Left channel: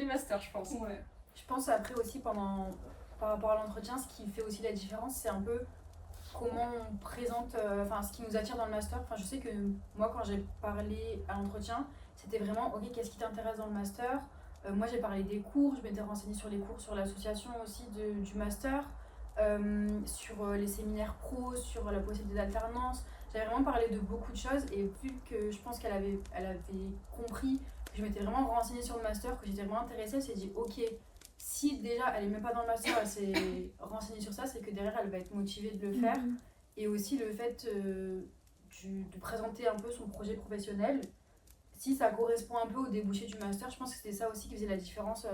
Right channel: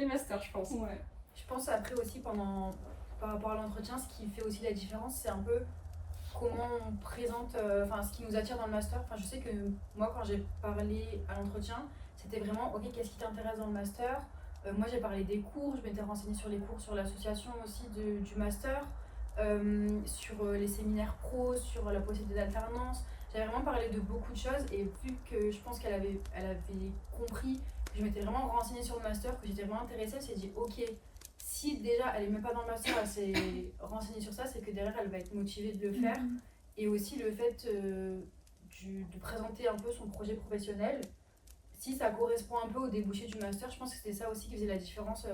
les masters, je pense. Ouais. Je pense après aussi par rapport à l'entretien, ce qui fait aussi la différence, c'est un peu comment on présente, ce qui nous attire dans le master. Enfin, je sais que moi, quand j'ai parlé à l'entretien, c'était vraiment, ok, qu'est-ce qui t'intéresse dans le master? Moi, j'ai parlé des cours, je m'étais renseignée sur les cours, sur l'association aussi du master, sur les séminaires pro, sur la possibilité d'alternance. J'avais vraiment parlé de beaucoup de choses et vu que je pense qu'elle avait compris que je m'étais vraiment renseignée sur le master, que j'étais vraiment intéressée, elle s'est dit, ok, si déjà elle est même pas dans le master, elle s'est renseignée sur ça, c'est que derrière elle va être motivée de le faire. Et aussi le fait de présenter un peu son projet professionnel, si ça correspond un peu au débouché du master, je pense que c'était ça aussi qui faisait la différence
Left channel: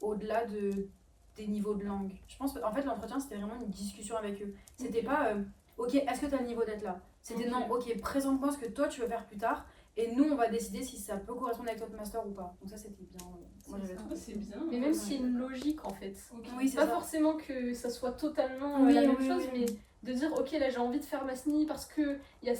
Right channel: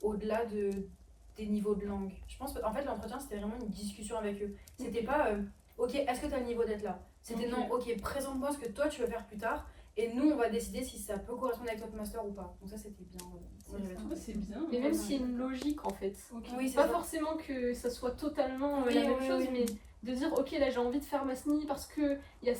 au-delà des niveaux de langue. Je pense qu'en fait l'entretien c'était vraiment une discussion avec eux. C'était pas ok, est-ce que tu as le niveau d'être là? C'était non, ok, présente-moi ce que toi tu veux faire plus tard et nous on va décider si ça peut correspondre avec notre master ou pas. Donc ça c'était bien. Moi j'avais trouvé c'est bien. Mais même s'il y a une logique en fait. Okay. Oui, c'est pas ça. Forcément que ça soit totalement Oui, la même oui, chose, oui. mais de dire ok là j'ai envie de faire Masni parce que il y a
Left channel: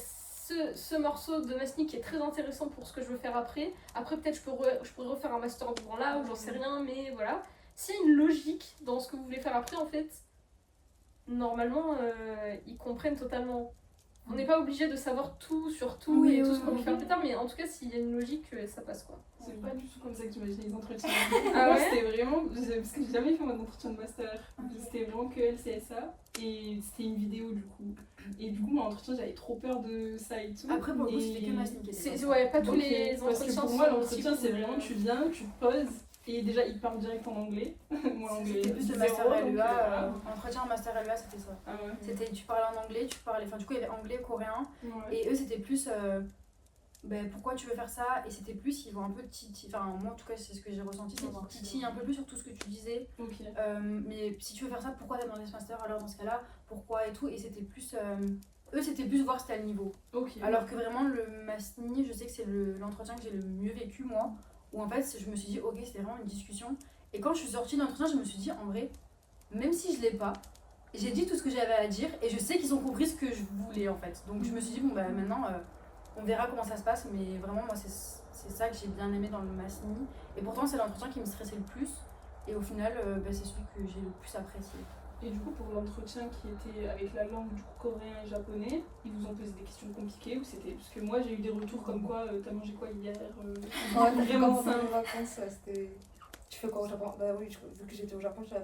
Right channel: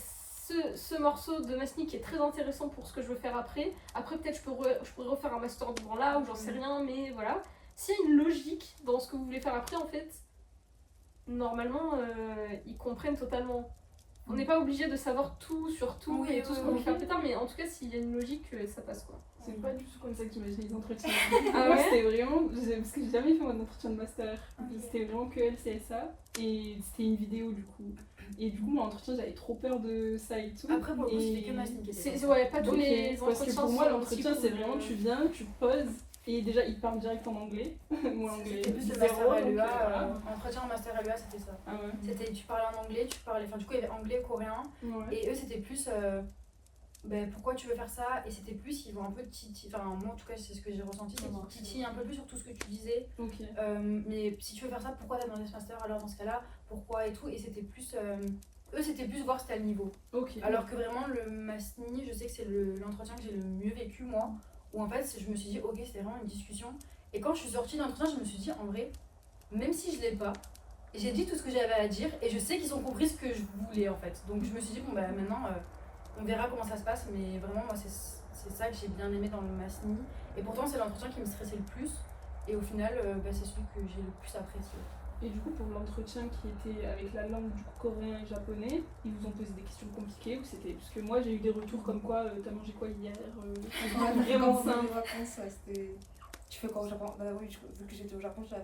ce morceau de Masni qui est très intéressant pour ce que je veux faire après. Après peut-être je pourrais refaire un master devant là ou j'en sais rien, mais voilà. S'il y a une logique dans ce que vous voulez faire après en fait, normalement ils comprennent totalement. On n'est pas obligé de savoir tout sur tout et tout ce qu'on veut faire plus tard, mais en tout cas s'il y a une logique ça passe quoi. C'est pas du tout comme ça que j'imaginais les entretiens. Ah ouais? C'était vraiment. Parce que j'ai jamais fait mon entretien de master. C'était vraiment que LCSA. Et c'était une vidéo du coup. Et du coup, mon entretien, j'avais trop peur de ça et tout. Après, pour le coup, c'était que Masni. Ouais, pas tous les parce entretiens. que pour moi, sont l'entretien, aussi c'est cool. vraiment tu viens, tu poses. Et déjà, ils parlent direct en anglais. Moi, l'anglais, C'était plus le zéro, master donc, LEA. Entretien en master LEA, c'était ça. Ah ouais. C'était, tu parlais en anglais, du coup, il y avait anglais, coréen. Ouais. Et eux, c'était plus. Pourquoi tu veux faire ça? Et c'était plus, ils vont un peu titiller, enfin moi en tout cas c'est ce que j'ai ressenti, c'est qu'ils titillent un peu plus sur tout ce que tu disais. Okay. Mais si tu veux faire ça, pourquoi t'as demandé ce master alors dans ce cas-là? Pourquoi et tout? Et c'était plus, eux c'était plus voir si t'as le niveau. Okay. Alors que vraiment le Masni, je sais que c'est l'entretien que j'ai le mieux vécu moi, où en fait je me suis dit ok c'était vraiment une discussion. Et quand je suis sortie de l'entretien je me suis dit en vrai, même si je l'ai pas, j'ai dit tout ce que j'avais à dire et je sais qu'ils ont compris ce que je voulais en fait. Donc je me suis dit bon bah maintenant... on verra comment ça se passe, mais vraiment, moi, c'est ça que j'ai bien aimé dans le Masni. Et pourtant, c'est l'entretien qui me stressait le plus. Et au final, c'est celui que j'ai le plus apprécié. Et du coup, pour l'entretien qui était avec la langue du coréen et japonais, ils vous ont posé des questions compliquées ou c'était... Parce que moi, j'ai eu des retours comme quoi, t'as mangé quoi hier Vraiment simple. C'était... Tu fais quoi au Japon? Bah oui, vu que j'étais au Japon, je disais,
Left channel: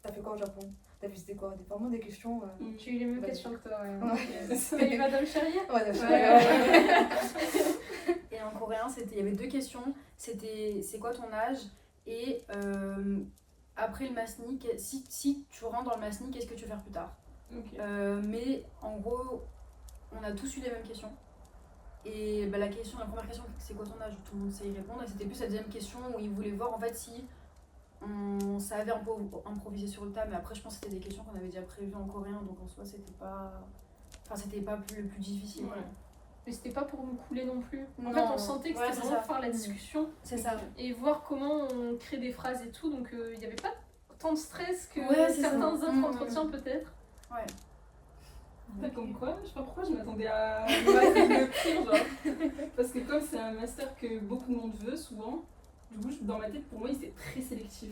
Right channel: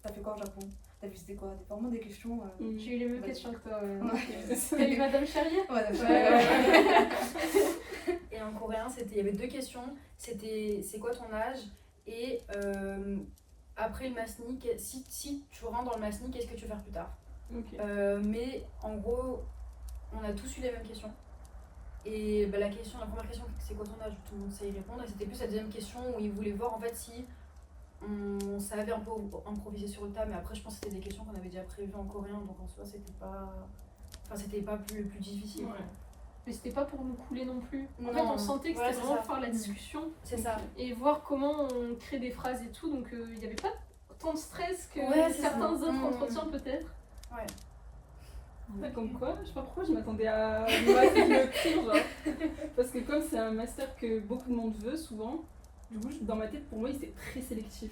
t'as fait quoi au Japon? T'as visité quoi? Vraiment des questions. J'ai eu les mêmes questions que toi, ouais. Ouais. T'as eu Madame Charrier? Ouais, Madame Charrier. Et en coréen, il y avait 2 questions. C'était c'est quoi ton âge? Et après le Masni, si tu rentres dans le Masni, qu'est-ce que tu veux faire plus tard? Okay. Mais en gros, on a tous eu les mêmes questions. Et la première question, c'est quoi ton âge? Tout le monde sait y répondre. Et c'était plus la deuxième question où ils voulaient voir en fait si on savait un peu improviser sur le tas. Mais après, je pense que c'était des questions qu'on avait déjà prévues en coréen. Donc en soi, c'était pas le plus difficile. Ouais. Mais c'était pas pour nous couler non plus. En Non, fait, on sentait que c'était vraiment ça. faire la discussion. C'est ça. Et voir comment on crée des phrases et tout. Donc il n'y avait pas tant de stress que certains autres entretiens peut-être. Ouais. Ouais, comme quoi, je sais pas pourquoi je m'attendais à le pire, genre. Parce que comme c'est un master que beaucoup de monde veut souvent, du coup dans ma tête pour moi c'est très sélectif.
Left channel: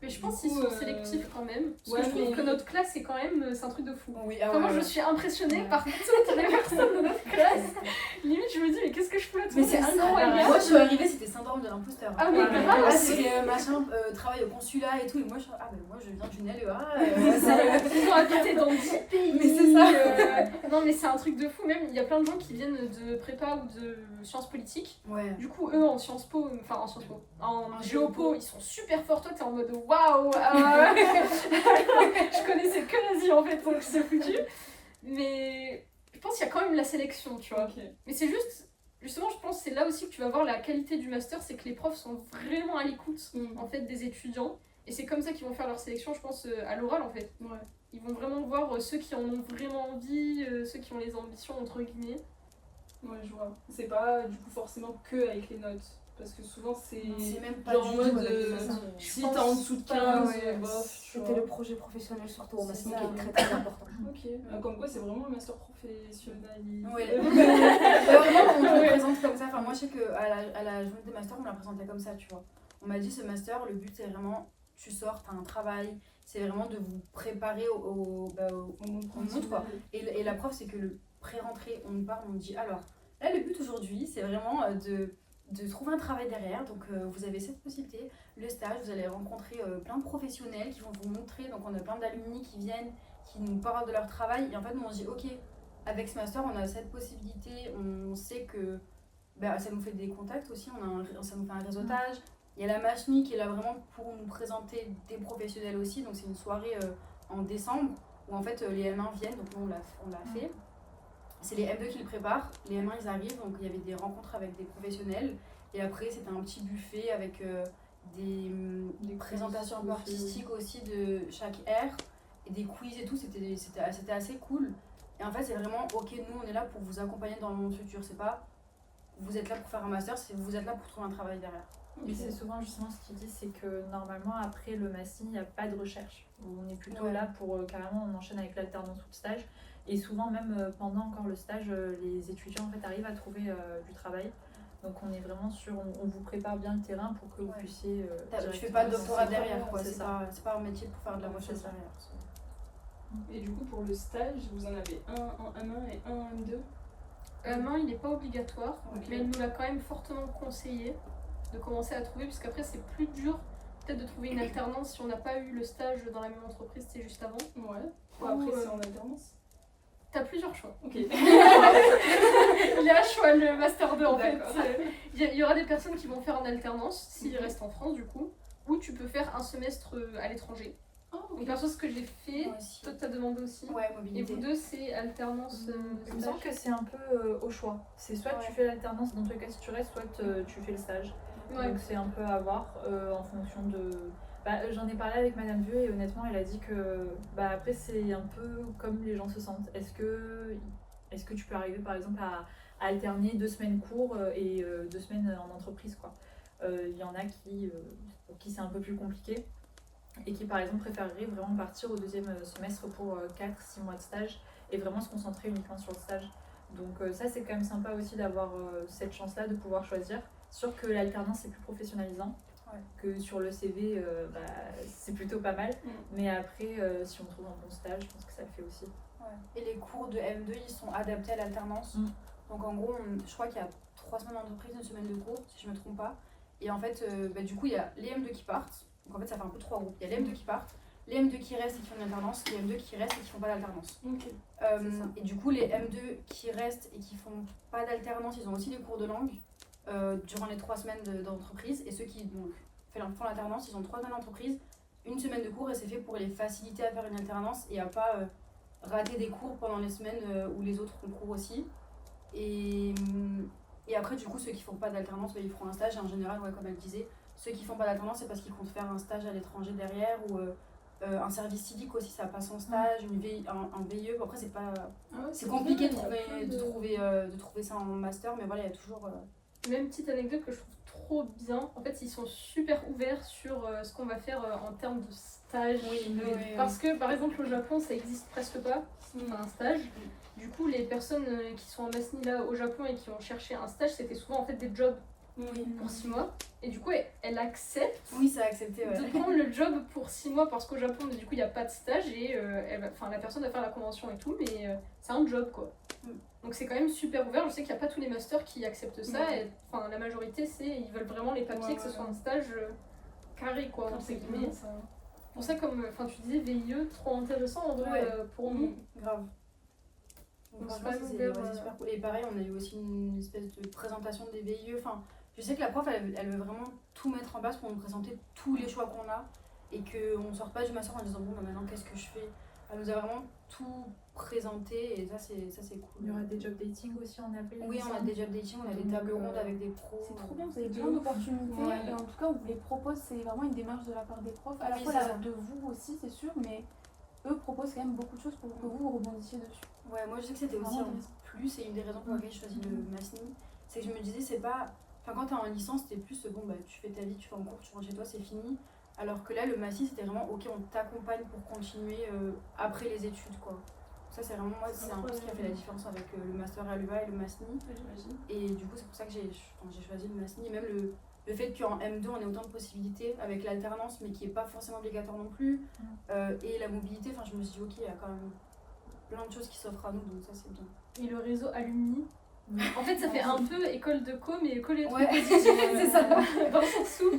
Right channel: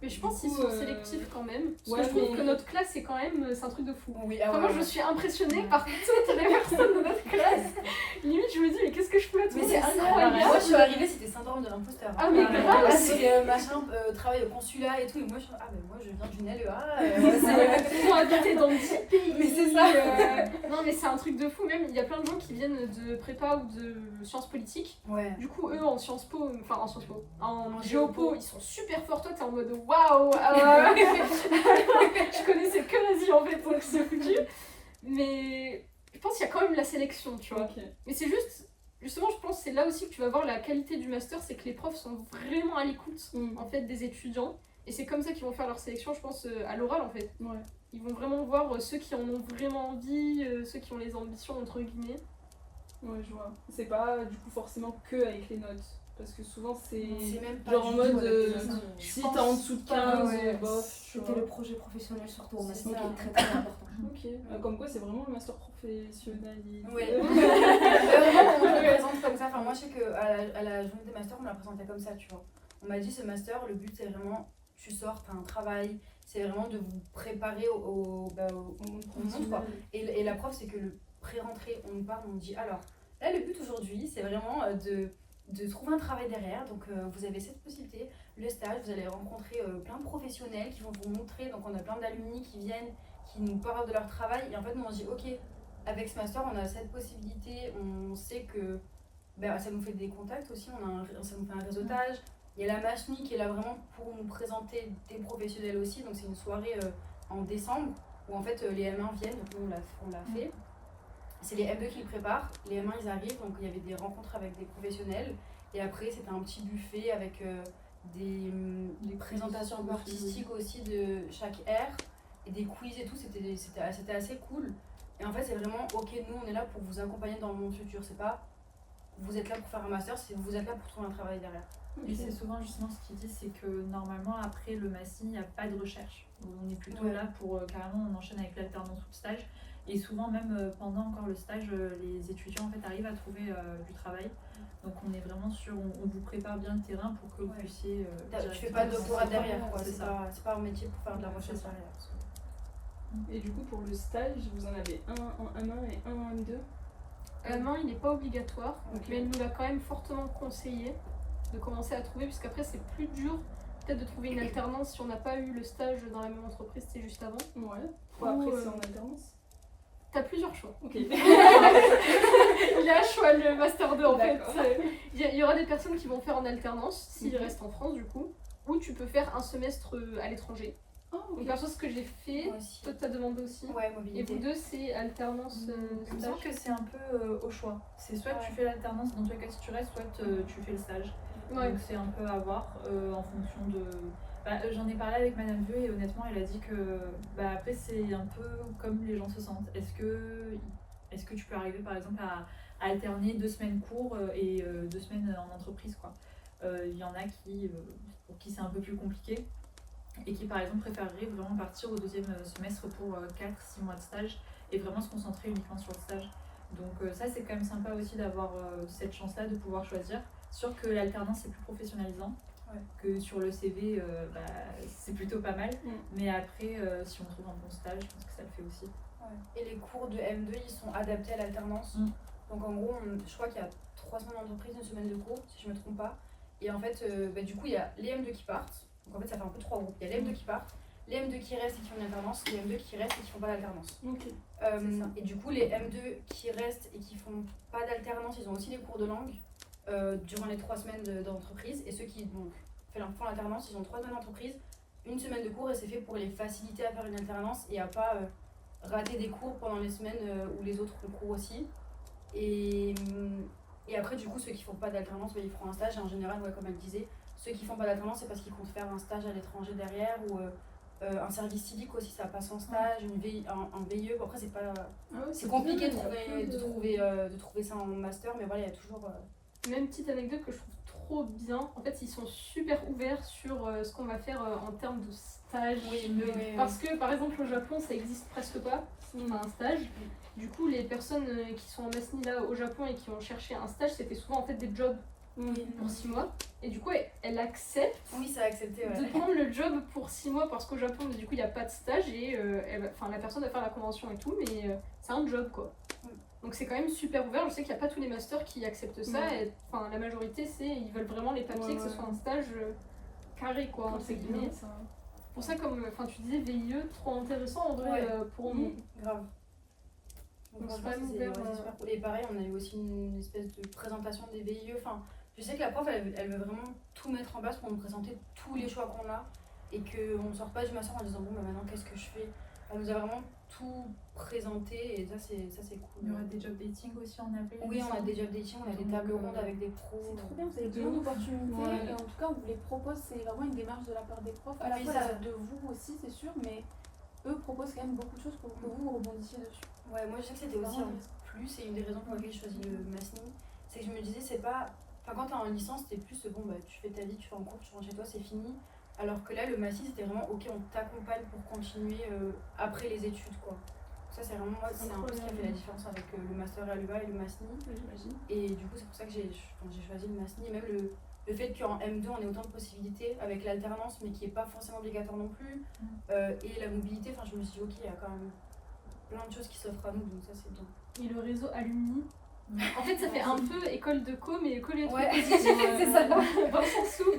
Mais je pense qu'ils sont sélectifs quand même. Parce que je trouve que notre classe c'est quand même, c'est un truc de fou. Oui, Moi je suis impressionnée par toutes les personnes de notre classe. Limite je me dis mais qu'est-ce que je fous là? Tout le monde, c'est incroyable. Moi je suis arrivée, c'était syndrome de l'imposteur. Ah mais grave. Parce que machin travaille au consulat et tout, et moi je suis moi je viens d'une LEA. Ils ont habité dans 10 pays. Mais c'est ça. Non mais c'est un truc de fou même. Il y a plein de gens qui viennent de prépa ou de sciences politiques. Ouais. Du coup eux en Sciences Po, en géopo, ils sont super forts. Toi t'es en mode waouh. Je connaissais que l'Asie en fait, donc c'est foutu. Mais je pense qu'il y a quand même la sélection, tu vois. Okay. Mais c'est justement, je pense que c'est là aussi que tu vas voir la qualité du master, c'est que les profs sont vraiment à l'écoute en fait des étudiants. Et c'est comme ça qu'ils vont faire leur sélection, je pense, à l'oral en fait. Ouais. Ils vont vraiment voir ceux qui en ont vraiment envie, ceux qui ont les ambitions entre guillemets. Ouais, je vois. C'est pas du coup forcément que avec les notes. Parce que souvent c'est même pas genre en mode Si t'es en dessous de 15, bof. C'était le projet professionnel surtout au Masni qui est très très important. Ok. Comme quoi c'est vraiment le master professionnel. Oui. Vraiment on le présente comme ça. Enfin moi je sais qu'à la journée des masters on me la présentait comme ça, tu vois. On m'a dit ce master, le but c'est vraiment, tu sors, t'as un travail, c'est vraiment de vous préparer au monde quoi. Et la preuve c'est que le pré-rentrée, on nous parle, on nous dit alors, là le but aujourd'hui c'est vraiment de trouver un travail derrière, donc vous avez cette possibilité, le stage, vous allez rencontrer plein de professionnels qui vont vous montrer, donc on a plein d'alumni qui viennent, qui nous parlent de leur travail, et en fait nous on se dit ok, avec ce master on a cette possibilité, on sait que ça nous fait des contacts aussi, ça nous fait un réseautage. Il y a la Machni qui est là vraiment pour nous présenter des professionnels aussi, donc c'est une soirée en décembre où en fait les M1 viennent, donc nous on l'a fait. C'est les M2 qui le préparent, les M1 ils arrivent, donc il y avait des rencontres avec des professionnels et après c'était un petit buffet avec des présentations un peu artistiques aussi de chaque aire et des quiz et tout, c'était assez cool. Et en fait c'est vraiment ok, nous on est là pour vous accompagner dans le monde futur, c'est pas vous êtes là pour faire un master, c'est vous êtes là pour trouver un travail derrière. Mais c'est souvent justement ce qu'il dit, c'est que normalement après le master, il n'y a pas de recherche. On est plutôt là pour carrément on enchaîne avec l'alternance ou le stage. Et souvent même pendant encore le stage, les étudiants en fait arrivent à trouver du travail. Donc on est vraiment sûr, on vous prépare bien le terrain pour que vous puissiez. Tu fais pas de doctorat derrière quoi, c'est pas un métier pour faire de la recherche derrière. Et du coup pour le stage, vous en avez un en M1 et un en M2? Non, il n'est pas obligatoire, mais elle nous l'a quand même fortement conseillé de commencer à trouver, puisqu'après c'est plus dur peut-être de trouver une alternance si on n'a pas eu le stage dans la même entreprise, c'est juste avant. Ouais. Après c'est en alternance. T'as plusieurs choix. Ok. Il y a un choix, le Master 2 en fait. Il y aura des personnes qui vont faire en alternance, s'ils restent en France du coup, ou tu peux faire un semestre à l'étranger. Oh, okay. Donc perso ce que j'ai fait, toi t'as demandé aussi. Ouais, mobilité. Et vous deux c'est alternance Il me semble que c'est un peu au choix. C'est soit tu fais l'alternance, dans tous les cas si tu restes, soit tu fais le stage. Ouais. Donc c'est un peu à voir en fonction de... j'en ai parlé avec Madame Vieux et honnêtement elle a dit que après c'est un peu comme les gens se sentent. Est-ce que tu peux arriver par exemple à alterner 2 semaines cours et 2 semaines en entreprise quoi. Il y en a pour qui c'est un peu plus compliqué et qui par exemple préféreraient vraiment partir au 2e semestre pour 4-6 mois de stage et vraiment se concentrer uniquement sur le stage. Donc ça c'est quand même sympa aussi d'avoir cette chance là de pouvoir choisir. Sûr que l'alternance c'est plus professionnalisant. Ouais. Que sur le CV, c'est plutôt pas mal. Mais après, si on trouve un bon stage, je pense que ça le fait aussi. Ouais. Et les cours de M2, ils sont adaptés à l'alternance. Donc en gros, je crois qu'il y a 3 semaines d'entreprise, 1 semaine de cours, si je me trompe pas. Et en fait, du coup, il y a les M2 qui partent. Donc en fait, ça fait un peu 3 groupes. Il y a les M2 qui partent, les M2 qui restent et qui font une alternance, les M2 qui restent et qui font pas d'alternance. Okay. Et du coup, les M2 qui restent et qui font pas d'alternance, ils ont aussi des cours de langue durant les 3 semaines d'entreprise. Et ceux qui font l'alternance, ils ont 3 semaines d'entreprise, 1 semaine de cours et c'est fait pour les faciliter à faire une alternance et à pas rater des cours pendant les semaines où les autres font cours aussi. Et après, du coup, ceux qui font pas d'alternance, ils feront un stage. Et en général, comme elle disait, ceux qui font pas d'alternance, c'est parce qu'ils comptent faire un stage à l'étranger derrière ou un service civique aussi, ça passe en stage, un VIE. Bon, après, c'est pas. C'est compliqué de trouver ça en master, mais voilà, il y a toujours. Même petite anecdote que je trouve trop bien, en fait ils sont super ouverts sur ce qu'on va faire en termes de stage. Parce que par exemple au Japon ça existe presque pas, si on a un stage. Du coup les personnes qui sont en Masni là au Japon et qui ont cherché un stage, c'était souvent en fait des jobs pour 6 mois. Et du coup elle accepte de prendre le job pour 6 mois parce qu'au Japon du coup il n'y a pas de stage et la personne va faire la convention et tout, mais c'est un job quoi. Donc c'est quand même super ouvert, je sais qu'il n'y a pas tous les masters qui acceptent ça, et la majorité ils veulent vraiment les papiers, que ce soit un stage carré quoi, entre guillemets. Pour ça comme tu disais VIE, trop intéressant en vrai pour nous. Grave. Donc c'est super cool. Et pareil, on a eu aussi une espèce de présentation des VIE, je sais que la prof elle veut vraiment tout mettre en place pour nous présenter tous les choix qu'on a et qu'on ne sort pas du master en disant bon maintenant qu'est-ce que je fais. Elle nous a vraiment tout présenté et ça c'est cool. Il y aura des job dating aussi en appel. Oui, on a des job dating, on a des tables rondes avec des pros. C'est trop bien, vous avez plein d'opportunités et en tout cas on vous les propose, c'est vraiment une démarche de la part des profs, à la fois de vous aussi c'est sûr, mais eux proposent quand même beaucoup de choses pour que vous rebondissiez dessus. Ouais, moi je sais que c'était aussi un plus et une des raisons pour lesquelles je choisis le Masni, c'est que je me disais c'est pas, quand t'es en licence c'était plus tu fais ta vie, tu fais en cours, tu rentres chez toi, c'est fini. Alors que là, le Masni, c'était vraiment ok, on t'accompagne pour continuer après les études, quoi. Ça, c'est vraiment moi, c'est un peu ce qui a fait la différence avec le master à l'UA et le Masni. Et du coup, c'est pour ça que j'ai choisi le Masni. Et même le le fait qu'en M2 on ait autant de possibilités avec l'alternance mais qui est pas forcément obligatoire non plus, et la mobilité, enfin je me suis dit ok, il y a quand même plein de choses qui s'offrent à nous, donc ça c'est bien. Et le réseau alumni. En fait, ça fait un peu école de co, mais école Ouais, c'est ça. Dans le sens où,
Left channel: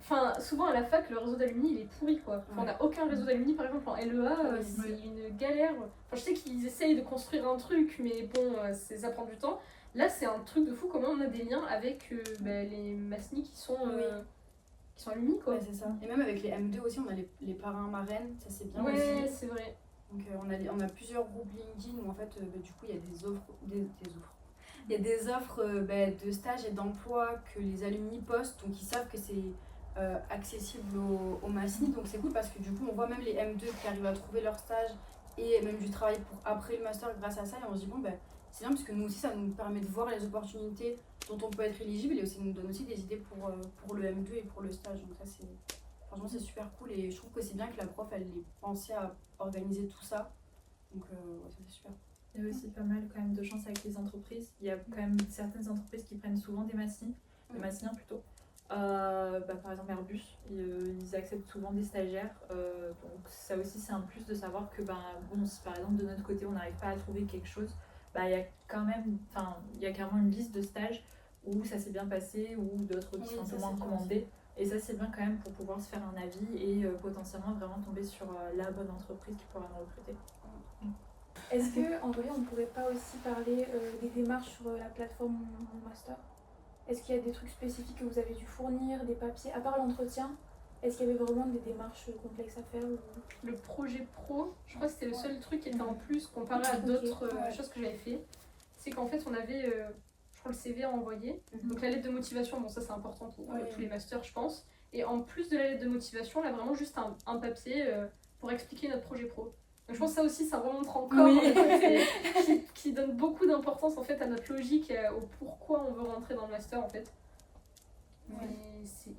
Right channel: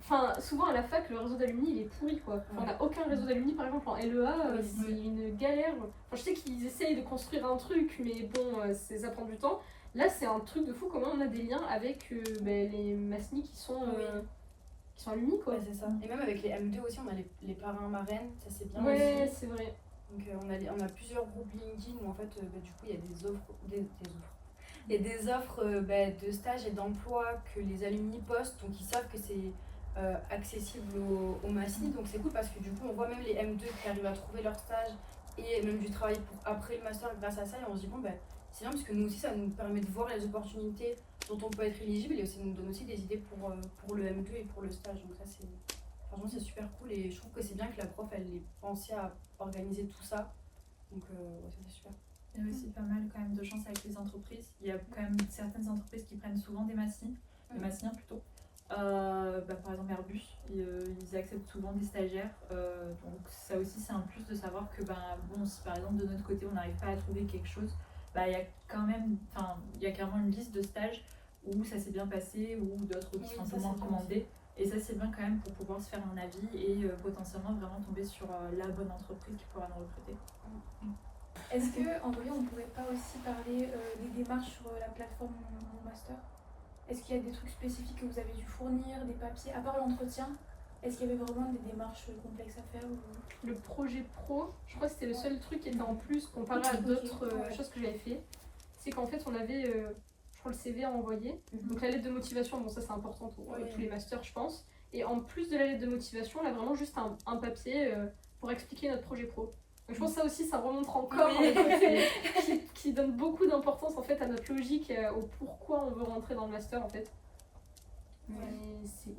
enfin, souvent à la fac, le réseau d'alumni il est pourri quoi. Enfin, on n'a aucun réseau d'alumni par exemple en LEA, c'est une galère. Enfin, je sais qu'ils essayent de construire un truc, mais bon, ça prend du temps. Là, c'est un truc de fou comment on a des liens avec les Masni qui sont alumni quoi. Ouais, c'est ça. Et même avec les M2 aussi, on a les parrains marraines, ça c'est bien Ouais, aussi. c'est vrai. Donc on a plusieurs groupes LinkedIn où en fait du coup il y a des offres, il y a des offres de stage et d'emploi que les alumni postent, donc ils savent que c'est accessible aux Masni, donc c'est cool parce que du coup on voit même les M2 qui arrivent à trouver leur stage et même du travail pour après le master grâce à ça, et on se dit bon c'est bien parce que nous aussi ça nous permet de voir les opportunités dont on peut être éligible, et aussi nous donne aussi des idées pour le M2 et pour le stage, donc ça franchement c'est super cool, et je trouve que c'est bien que la prof elle ait pensé à organiser tout ça, donc ça c'est super. Il y a aussi pas mal quand même de chance avec les entreprises. Il y a quand même certaines entreprises qui prennent souvent des Masni, des Masniens plutôt. Par exemple Airbus, ils acceptent souvent des stagiaires, donc ça aussi c'est un plus de savoir que si par exemple de notre côté on n'arrive pas à trouver quelque chose, il y a quand même, il y a carrément une liste de stages où ça s'est bien passé ou d'autres qui sont un peu moins recommandés, et ça c'est bien quand même pour pouvoir se faire un avis et potentiellement vraiment tomber sur la bonne entreprise qui pourra nous recruter. Est-ce que en vrai on pourrait pas aussi parler des démarches sur la plateforme Mon Master? Est-ce qu'il y a des trucs spécifiques que vous avez dû fournir, des papiers, à part l'entretien? Est-ce qu'il y avait vraiment des démarches complexes à faire ou... Le projet pro, je crois que c'était le seul truc qui était en plus comparé à d'autres choses que j'avais fait. C'est qu'en fait on avait, je crois, le CV à envoyer. Donc la lettre de motivation, bon ça c'est important pour tous les masters je pense. Et en plus de la lettre de motivation, là vraiment juste un papier pour expliquer notre projet pro. Donc je pense que ça aussi ça remonte encore le côté qui donne beaucoup d'importance en fait à notre logique, au pourquoi on veut rentrer dans le master en fait. Mais c'est...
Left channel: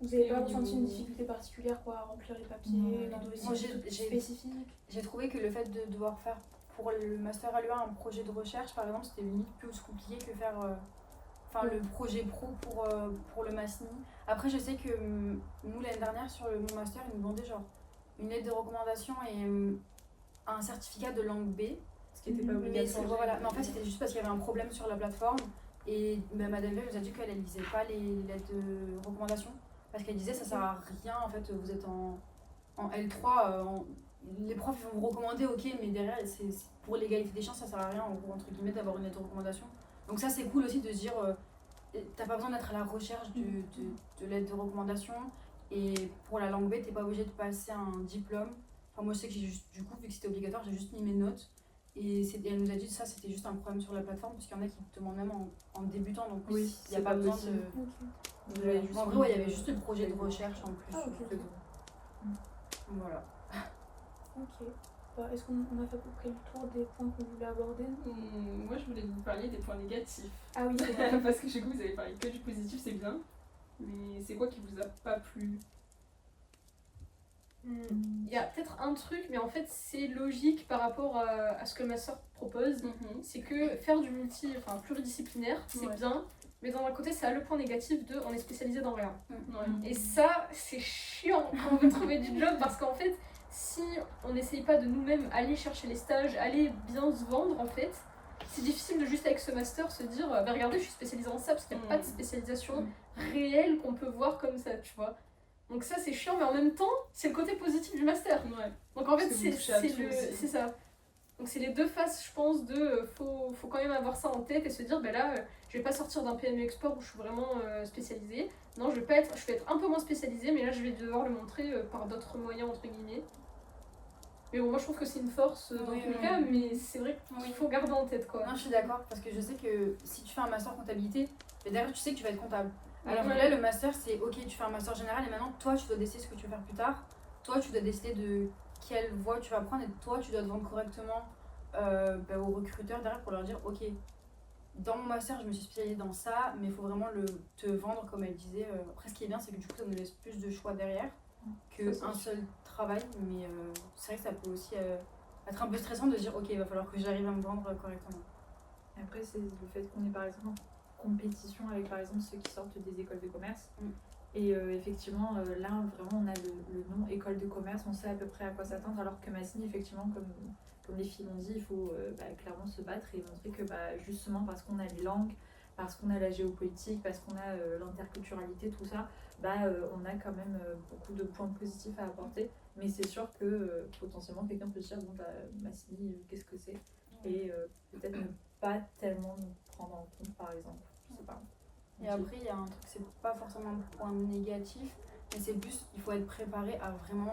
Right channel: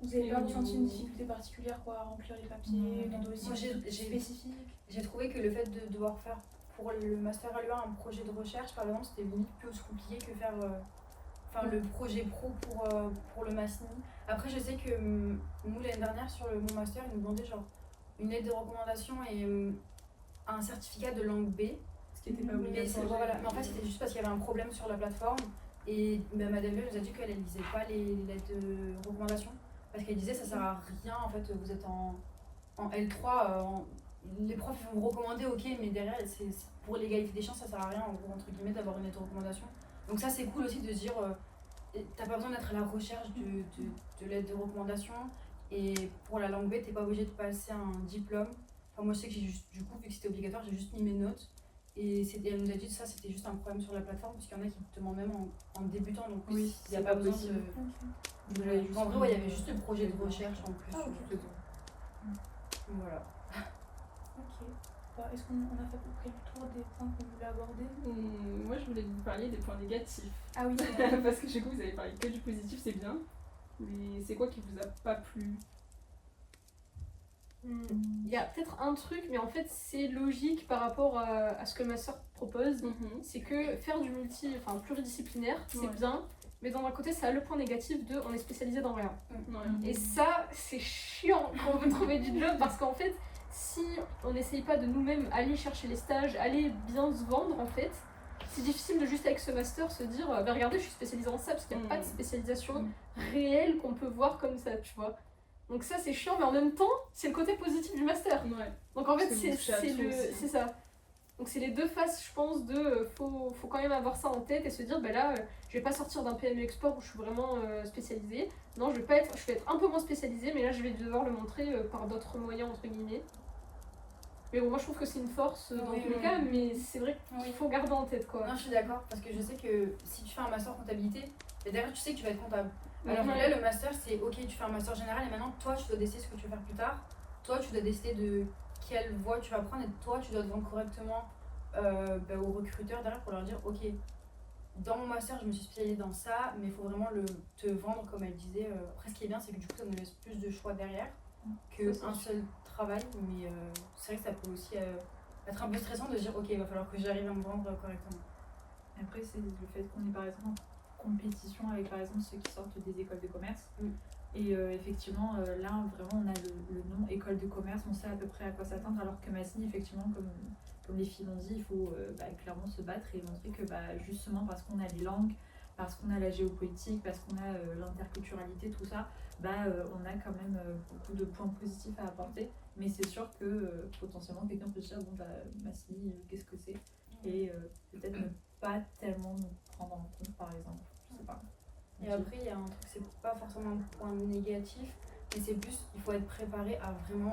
Vous n'avez pas ressenti une difficulté particulière à remplir les papiers, dans des dossiers spécifiques? J'ai trouvé que le fait de devoir faire pour le master à l'UA un projet de recherche par exemple, c'était limite plus compliqué que faire le projet pro pour le Masni. Après je sais que nous l'année dernière sur mon master ils nous demandaient genre une lettre de recommandation et un certificat de langue B, ce qui n'était pas obligatoire. Mais en fait c'était juste parce qu'il y avait un problème sur la plateforme, et Madame Veil nous a dit qu'elle ne lisait pas les lettres de recommandation parce qu'elle disait ça sert à rien, en fait vous êtes en L3, les profs vont vous recommander, ok, mais derrière c'est pour l'égalité des chances ça sert à rien en gros entre guillemets d'avoir une lettre de recommandation. Donc ça c'est cool aussi de se dire t'as pas besoin d'être à la recherche de lettres de recommandation, et pour la langue B t'es pas obligé de passer un diplôme. Enfin moi je sais que j'ai juste, du coup vu que c'était obligatoire j'ai juste mis mes notes, et elle nous a dit que ça c'était juste un problème sur la plateforme parce qu'il y en a qui te demandent même en débutant, donc il n'y a pas besoin de... En vrai il y avait juste le projet de recherche en plus. Voilà. Ok. Est-ce qu'on a fait à peu près le tour des points qu'on voulait aborder? Moi je voulais que vous parliez des points négatifs. Ah oui, parce que du coup vous avez parlé que du positif, c'est bien. Mais c'est quoi qui vous a pas plu? Il y a peut-être un truc, mais en fait c'est logique par rapport à ce que ma soeur propose. C'est que faire du pluridisciplinaire, c'est bien, mais d'un côté ça a le point négatif de on est spécialisé dans rien. Et ça c'est chiant quand on veut trouver du job, parce qu'en fait si on n'essaye pas de nous-mêmes aller chercher les stages, aller bien se vendre en fait, c'est difficile de juste avec ce master se dire regardez je suis spécialisée en ça, parce qu'il n'y a pas de spécialisation réelle qu'on peut voir comme ça, tu vois. Donc ça c'est chiant, mais en même temps c'est le côté positif du master. Donc en fait c'est ça. Donc c'est les deux faces je pense de faut quand même avoir ça en tête et se dire là je vais pas sortir d'un PME Export où je suis vraiment spécialisée. Non, je vais être un peu moins spécialisée, mais là je vais devoir le montrer par d'autres moyens entre guillemets. Mais bon, moi je trouve que c'est une force dans tous les cas, mais c'est vrai qu'il faut garder en tête quoi. Non, je suis d'accord, parce que je sais que si tu fais un master comptabilité, derrière tu sais que tu vas être comptable. Alors là le master c'est ok, tu fais un master général et maintenant toi tu dois décider ce que tu veux faire plus tard. Toi tu dois décider de quelle voie tu vas prendre, et toi tu dois te vendre correctement aux recruteurs derrière pour leur dire ok, dans mon master je me suis spécialisée dans ça, mais il faut vraiment te vendre comme elle disait. Après ce qui est bien c'est que du coup ça nous laisse plus de choix derrière qu'un seul travail, mais c'est vrai que ça peut aussi être un peu stressant de dire ok il va falloir que j'arrive à me vendre correctement. Après c'est le fait qu'on est par exemple compétition avec par exemple ceux qui sortent des écoles de commerce. Mm. Et effectivement, là vraiment on a le nom école de commerce, on sait à peu près à quoi s'attendre, alors que Massigny, effectivement, comme les filles l'ont dit, il faut clairement se battre et montrer que justement parce qu'on a les langues, parce qu'on a la géopolitique, parce qu'on a l'interculturalité, tout ça, on a quand même beaucoup de points positifs à apporter. Mais c'est sûr que potentiellement quelqu'un peut se dire, Massigny, qu'est-ce que c'est? Et peut-être ne pas tellement nous prendre en compte, par exemple. Je sais pas. Et après, il y a un truc, c'est pas forcément un point négatif, mais c'est plus, il faut être préparé à vraiment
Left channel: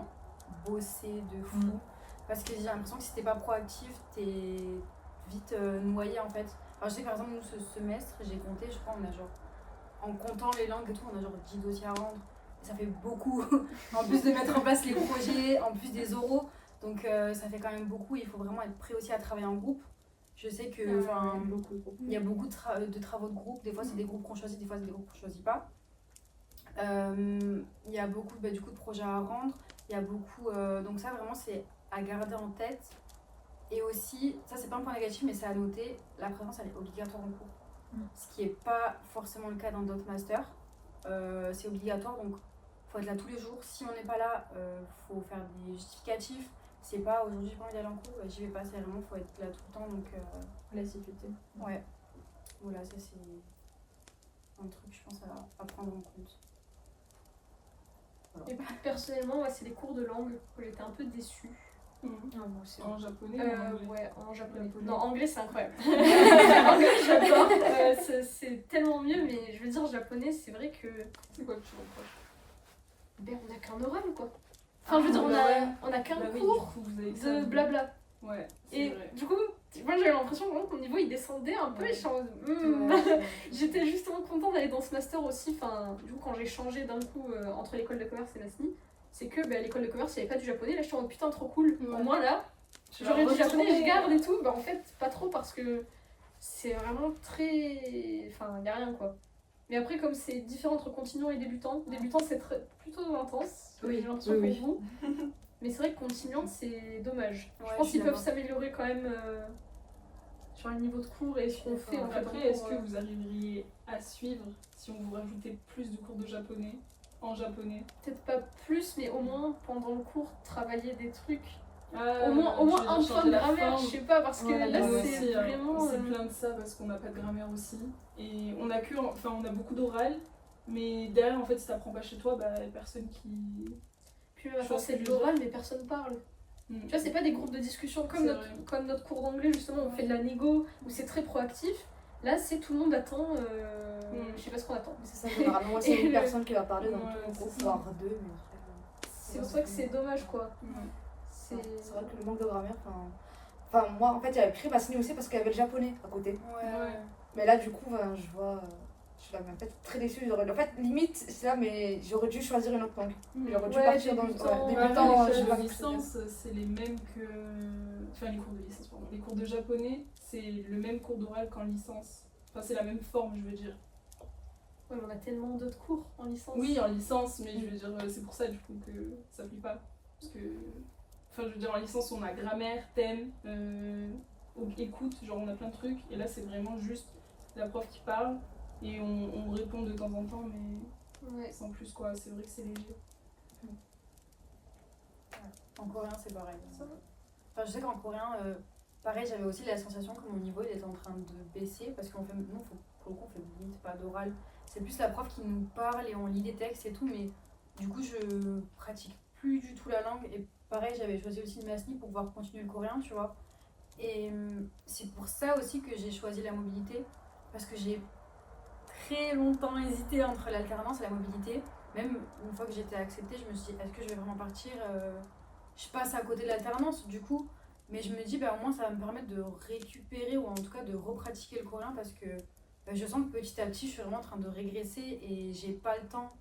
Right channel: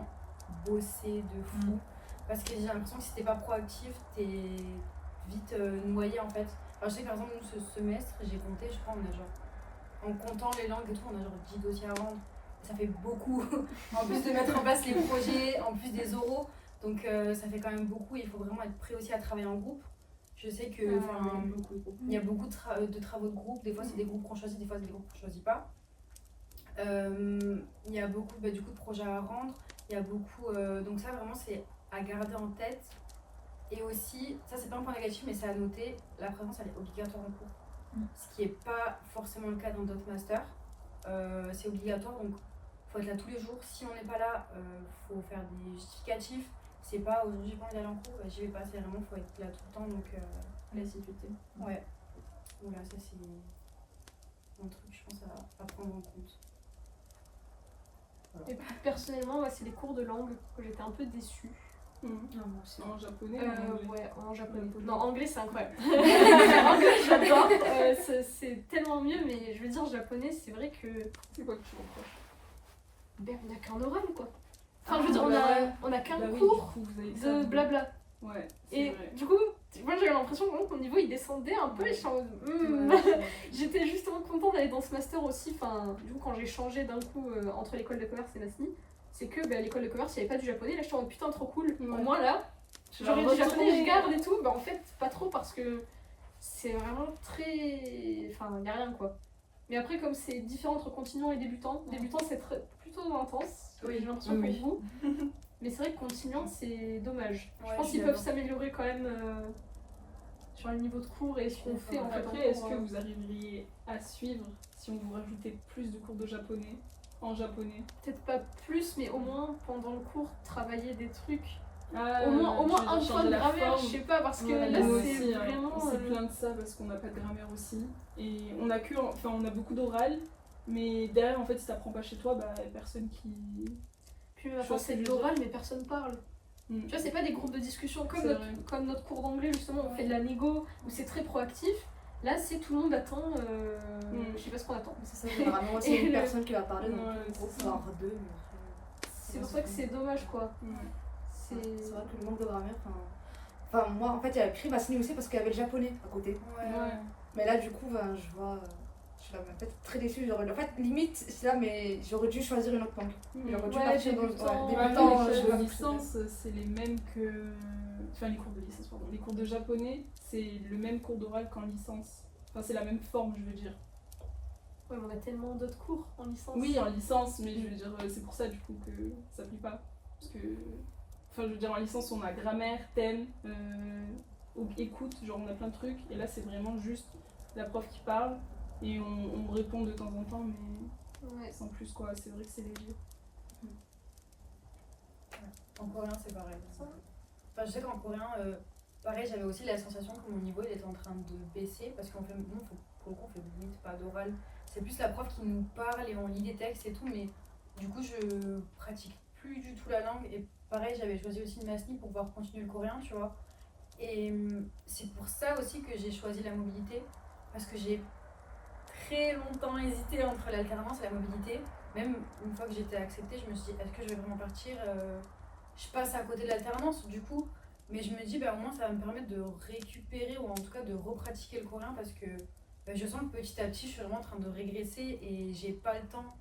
bosser de fou. Parce que j'ai l'impression que si t'es pas proactif, t'es vite noyé en fait. Enfin, je sais que par exemple, nous, ce semestre, j'ai compté, je crois, on a genre, en comptant les langues et tout, on a genre 10 dossiers à rendre. Et ça fait beaucoup, en plus de mettre en place les projets, en plus des oraux. Donc ça fait quand même beaucoup, il faut vraiment être prêt aussi à travailler en groupe. Je sais que il y a beaucoup de travaux de groupe, des fois c'est des groupes qu'on choisit, des fois c'est des groupes qu'on choisit pas. Il y a beaucoup du coup de projets à rendre, il y a beaucoup donc ça vraiment c'est à garder en tête. Et aussi, ça c'est pas un point négatif mais c'est à noter, la présence elle est obligatoire en cours. Ce qui est pas forcément le cas dans d'autres masters. C'est obligatoire donc faut être là tous les jours. Si on n'est pas là, faut faire des justificatifs. C'est pas aujourd'hui j'ai pas envie d'aller en cours, j'y vais pas, c'est vraiment faut être là tout le temps donc l'assiduité. Ouais. Voilà, ça c'est un truc je pense à prendre en compte. Et personnellement, moi, c'est les cours de langue que j'étais un peu déçue. En japonais Ouais, en japonais. Non, anglais c'est incroyable. Anglais j'adore, c'est tellement mieux, mais je veux dire japonais, c'est vrai que. C'est quoi que tu reproches? On a qu'un oral quoi. Enfin, je veux dire, on a qu'un cours de blabla. Ouais. Et vrai. du coup, moi j'avais l'impression vraiment que mon niveau il descendait un peu et je suis en mode. J'étais justement contente d'aller dans ce master aussi. Enfin, du coup, quand j'ai changé d'un coup entre l'école de commerce et Massigny, c'est que l'école de commerce il n'y avait pas du japonais. Là, je suis en mode putain, trop cool. Ouais. Au moins là, j'aurais du japonais, je garde et tout. En fait, pas trop parce que c'est vraiment très. Enfin, il n'y a rien quoi. Mais après, comme c'est différent entre continuant et débutant, débutant c'est plutôt intense. J'ai l'impression pour vous. Mais c'est vrai que continuant, c'est dommage. Je pense qu'ils peuvent s'améliorer quand même sur le niveau de cours et ce qu'on fait en fait. Après, est-ce que vous arriveriez à suivre si on vous rajoutait plus de cours de japonais en japonais? Peut-être pas plus, mais au moins pendant le cours, travailler des trucs. Au moins un point de grammaire, je sais pas, parce que là c'est vraiment. C'est plein de ça parce qu'on n'a pas de grammaire aussi. Et on a beaucoup d'oral, mais derrière, en fait, si t'apprends pas chez toi, il y a personne qui. Puis maintenant c'est de l'oral, mais personne parle. Tu vois, c'est pas des groupes de discussion comme notre cours d'anglais, justement, on fait de la négo, où c'est très proactif. Là, c'est tout le monde attend. Je sais pas ce qu'on attend. C'est ça, généralement, c'est une personne qui va parler dans le groupe, voire deux. C'est pour ça que c'est dommage, quoi. C'est vrai que le manque de grammaire, enfin moi en fait j'avais pris Massigny aussi parce qu'il y avait le japonais à côté. Mais là du coup je vois, je suis là, mais en fait très déçue. En fait limite c'est là mais j'aurais dû choisir une autre langue. J'aurais dû partir dans débutant. Les licences c'est les mêmes que, enfin les cours de licence pardon. Les cours de japonais c'est le même cours d'oral qu'en licence. Enfin c'est la même forme je veux dire. Ouais, mais on a tellement d'autres cours en licence. Oui en licence mais je veux dire c'est pour ça du coup que ça plie pas parce que. Enfin, je veux dire, en licence, on a grammaire, thème, écoute, genre on a plein de trucs. Et là, c'est vraiment juste la prof qui parle et on répond de temps en temps, mais sans plus, quoi. C'est vrai que c'est léger. En coréen, c'est pareil. Enfin, je sais qu'en coréen, pareil, j'avais aussi la sensation que mon niveau il était en train de baisser parce qu'on fait, nous, pour le coup, on fait limite pas d'oral. C'est plus la prof qui nous parle et on lit des textes et tout, mais du coup, je pratique plus du tout la langue. Et pareil, j'avais choisi aussi le Massigny pour pouvoir continuer le coréen, tu vois. Et c'est pour ça aussi que j'ai choisi la mobilité, parce que j'ai très longtemps hésité entre l'alternance et la mobilité. Même une fois que j'étais acceptée, je me suis dit, est-ce que je vais vraiment partir Je passe à côté de l'alternance, du coup. Mais je me dis, au moins, ça va me permettre de récupérer, ou en tout cas de repratiquer le coréen, parce que je sens que petit à petit, je suis vraiment en train de régresser et j'ai pas le temps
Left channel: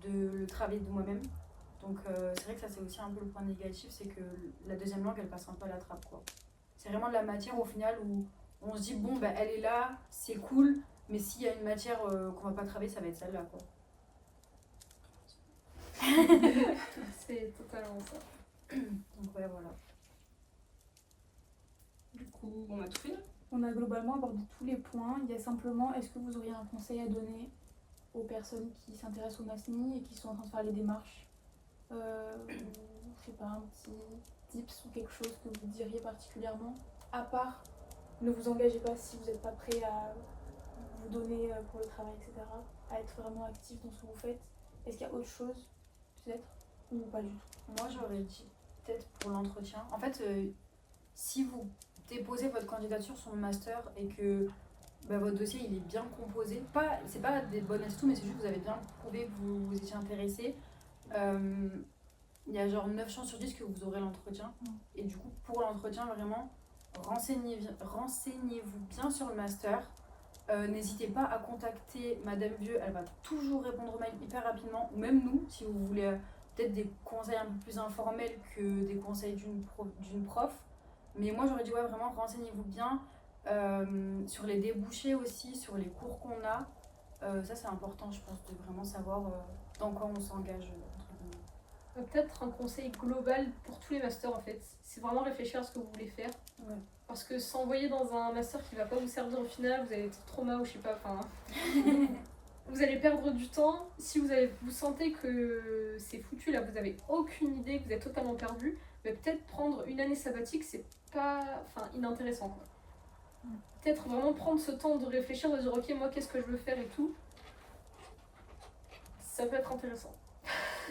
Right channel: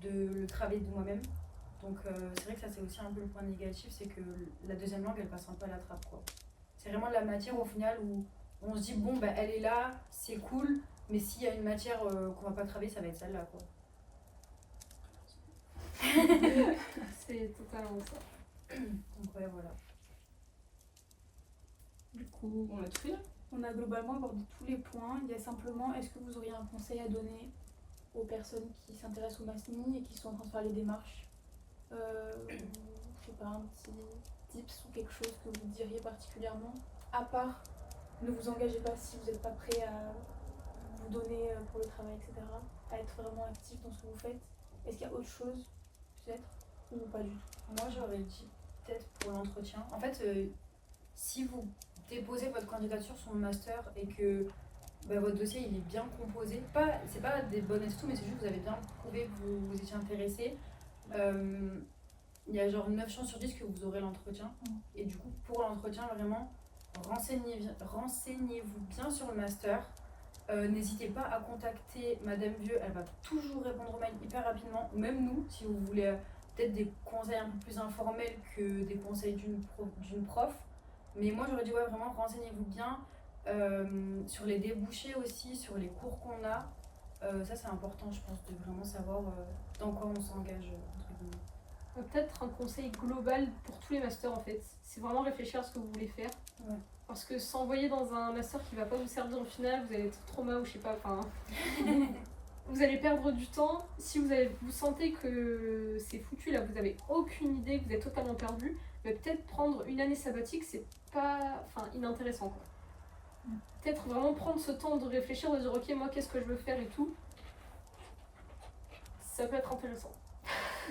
de le travailler de moi-même. Donc c'est vrai que ça c'est aussi un peu le point négatif, c'est que la deuxième langue elle passe un peu à la trappe quoi. C'est vraiment de la matière au final où on se dit bon elle est là, c'est cool, mais s'il y a une matière qu'on va pas travailler ça va être celle-là quoi. C'est totalement ça. Donc ouais voilà. Du coup on a tout fait là. On a globalement abordé tous les points. Il y a simplement, est-ce que vous auriez un conseil à donner aux personnes qui s'intéressent au MASNI et qui sont en train de faire les démarches ou, je sais pas, un petit tips ou quelque chose que vous diriez particulièrement, à part ne vous engagez pas si vous n'êtes pas prêt à vous donner pour le travail, etc., à être vraiment actif dans ce que vous faites. Est-ce qu'il y a autre chose, peut-être, ou pas du tout? Moi, j'aurais dit peut-être pour l'entretien. En fait, si vous déposez votre candidature sur le master et que votre dossier il est bien composé, c'est pas des bonnes tout, mais c'est juste que vous avez bien prouvé que vous étiez intéressé, il y a genre 9 chances sur 10 que vous aurez l'entretien. Et du coup, pour l'entretien, vraiment, renseignez-vous bien sur le master. N'hésitez pas à contacter Madame Vieux, elle va toujours répondre aux mails hyper rapidement, ou même nous, si vous voulez peut-être des conseils un peu plus informels que des conseils d'une prof. Mais moi j'aurais dit ouais, vraiment renseignez-vous bien sur les débouchés aussi, sur les cours qu'on a. Ça c'est important je pense de vraiment savoir dans quoi on s'engage entre guillemets. Peut-être un conseil global pour tous les masters en fait. C'est vraiment réfléchir à ce que vous voulez faire. Ouais. Parce que s'envoyer dans un master qui va pas vous servir au final, vous allez être trauma ou je sais pas, enfin... vous allez perdre du temps. Si vous sentez que c'est foutu, là vous avez aucune idée, que vous êtes totalement perdu, mais peut-être prendre une année sabbatique, c'est pas inintéressant quoi. Peut-être vraiment prendre ce temps de réfléchir, de dire ok moi qu'est-ce que je veux faire et tout. Ça peut être intéressant.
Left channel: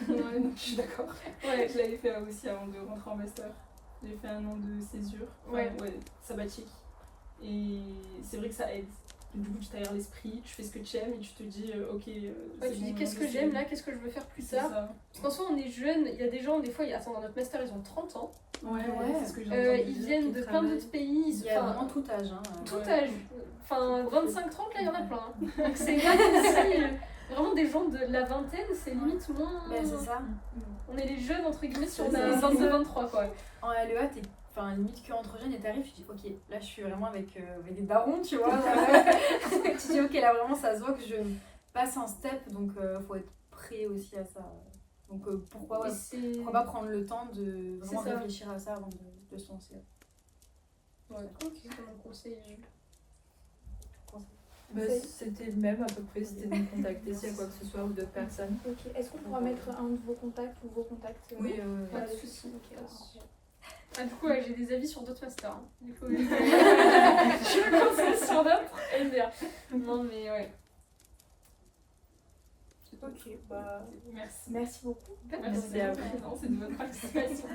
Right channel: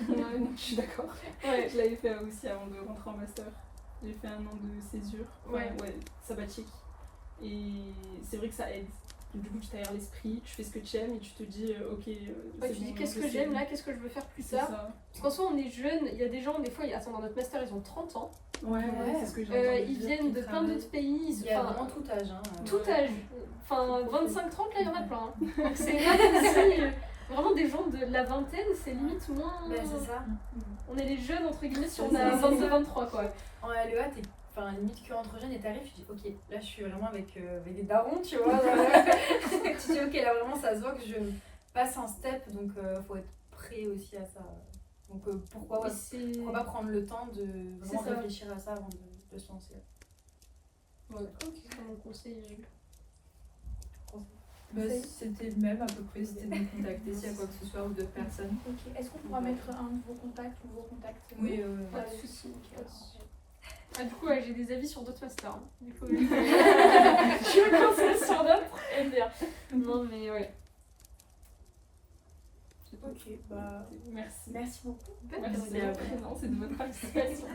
Ouais, je suis d'accord. Ouais, je l'avais fait aussi avant de rentrer en master. J'ai fait 1 an de césure, sabbatique. Et c'est vrai que ça aide. Du coup, tu t'aères l'esprit, tu fais ce que tu aimes et tu te dis, ok. Tu dis qu'est-ce que j'aime là, qu'est-ce que je veux faire plus tard. Parce qu'en soi, on est jeunes, il y a des gens, des fois, dans notre master, ils ont 30 ans. Ouais, c'est ce que j'ai ils viennent de plein d'autres pays. Il y a vraiment tout âge. Hein. Tout âge. Enfin, 25-30, là, il y en a plein. Donc, c'est pas aussi. Vraiment, des gens de la vingtaine, c'est limite moins. C'est ça. On est les jeunes, entre guillemets, si on a 22-23, quoi. En LEA, t'es limite que entre jeunes et t'arrives, tu dis ok, là je suis vraiment avec des darons, tu vois. Tu dis ok, là vraiment ça se voit que je passe un step, donc faut être prêt aussi à ça. Donc pourquoi pas prendre le temps de vraiment réfléchir à ça avant de se lancer. Ouais, c'est un conseil. C'était le même à peu près, c'était de me contacter s'il y a quoi que ce soit ou d'autres personnes. Ok, est-ce qu'on pourra mettre un de vos contacts ou vos contacts? Oui, pas de soucis. Du coup, j'ai des avis sur d'autres masters. Hein. Du coup, je me conseille sur d'autres. Et bien. Non, mais ouais. Ok, merci. Merci beaucoup. Merci à vous et de votre participation.